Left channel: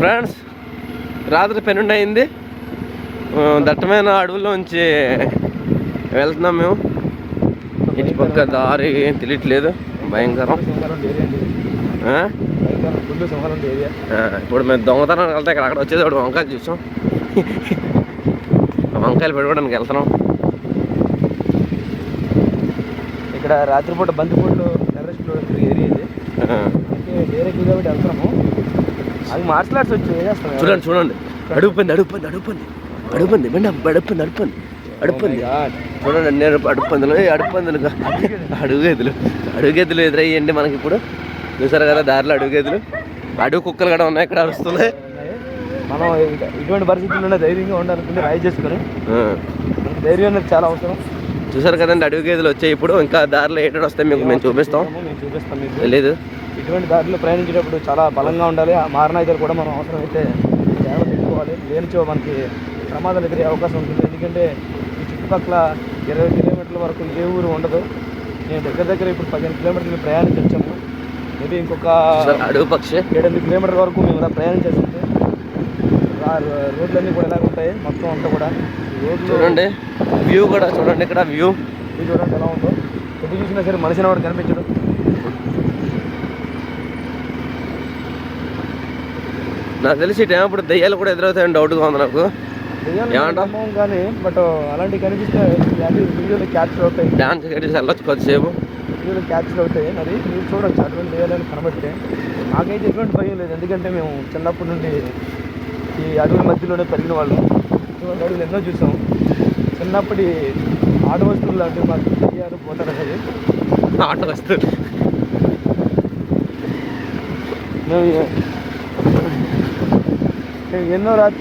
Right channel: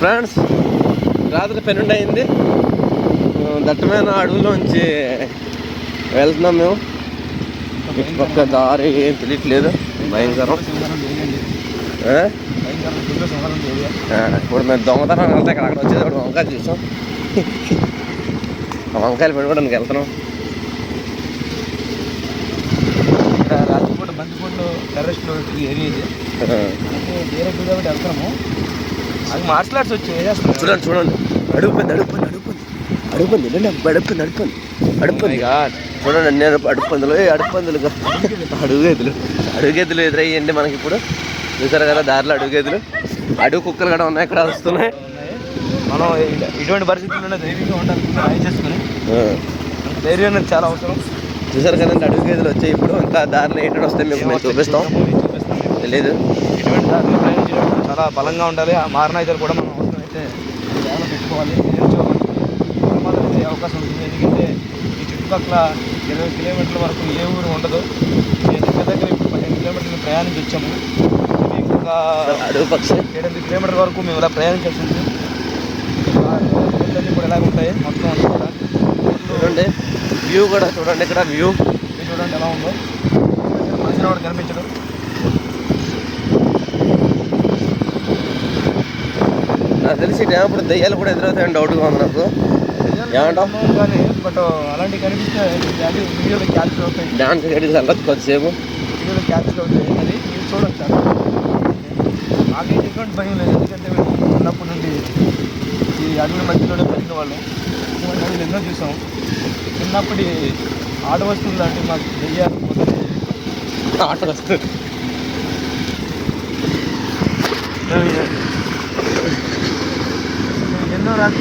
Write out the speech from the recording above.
Friends, రాత్రి 12 అయింది. దట్టమైన అడవుల్లోంచి వెళ్తున్నాం మేము. ఇటుపక్క దారి ఏం తెలియట్లేదు, భయంకరం. ఇప్పుడు మేము దొంగతనం వెళ్తే అక్కడ వచ్చేది ఒకటి వంకాయలు చూసాం. వంకాయలు పెట్టుకోవడానికి వెళ్తున్నాం. ఇక్కడ రాత్రిపూట బంతిపూట్లు టెర్రస్ట్లో ఏరియా ఇది. వేరే కాబట్టి వెళ్తున్నాము. అది మార్షల్ ఆర్ట్స్ వచ్చి ఏం చేస్తున్నాం చూడండి చూడండి. అడుగుపోయింది అడుగుపోయింది అడుగుపోయింది అడుగుపోయింది అడుగుపోయింది అడుగుపోయింది అడుగుపోయింది చూడండి. నేను అడుగుపందులు అడుగుగెద్దులు ఎదురయ్యండి మనకి. ఇప్పుడు చూసారు కదా దారిలో అడుగుగెద్దులు, అడుగు కుక్కలు కూడా ఉన్నాయి, ఇక్కడ వస్తున్నాయి. మనం ఇటువంటి పరిస్థితుల్లోనే ధైర్యంగా ఉండాలనుకుంటే రాయి చేసుకుని మనకు ధైర్యం అనేది చాలా అవసరం. చూసారు కదండి అడుగుగెద్దులు వచ్చాయి. ఇప్పుడు ఇంకా దారిలో ఏంటో వస్తాయి మీకు మేము చూపిస్తాం. లేదు, ఇటువంటి దారిలో ప్రయాణించేటప్పుడు చాలా బలంగా ఉండాలి. ఆ మారణాయుధాలు కూడా మనం అవసరమైతే జాగ్రత్త పెట్టుకోవాలి. దేనిచో మనకి ప్రమాదాలు ఎదిరే అవకాశం ఉంటుంది. ఎందుకంటే ఈ చుట్టుపక్కల 20 కిలోమీటర్ల వరకు ఏ ఊరు ఉండదు. మేము దగ్గర ఇప్పుడు 15 కిలోమీటర్లు ప్రయాణించి వచ్చాము. మీకు ఒక అడుగు పక్షి 7-8 కిలోమీటర్ల వరకు మేము ఇలా ప్రయాణించాల్సి ఉంటుంది. రోడ్లన్నీ కూడా ఎలాగ ఉంటాయి మొత్తం అంతా కూడా. చూడండి వ్యూ కూడా చూడండి, ఇక్కడ వ్యూ చూడండి ఎలా ఉందో. సరే మనిషిని కూడా కనిపించదు. నాకు తెలిసి టైం ఇప్పుడు దయ్యాలు కూడా ఎదురవుతాయని డౌట్గా ఉంది నాకు. ఏమంటాం కానీ బట్ అలాంటివి కనిపిస్తే వీడియోలో క్యాప్చర్ అవుతాయి. డాన్స్ వెళ్ళొచ్చు కొద్దిసేపు, వీడియోలో క్యాప్చర్ అవుతాయి. అది మీరు చూడొచ్చు అట్లా చేయాలని కాబట్టి మాకైతే ఎటువంటి భయం లేదు. ఎందుకంటే మేము చిన్నప్పటి నుండి ఈ అడవుల మధ్యలోనే పెరిగిన వాళ్ళం. ఇటువంటి అడవులు ఎన్నో చూసాం. చిన్నప్పటి ఆట వస్తువులు లాంటివి మాకు దయ్యాలు పోతారు అనేది. ఆట వస్తువులు ఎన్నో రాత్రి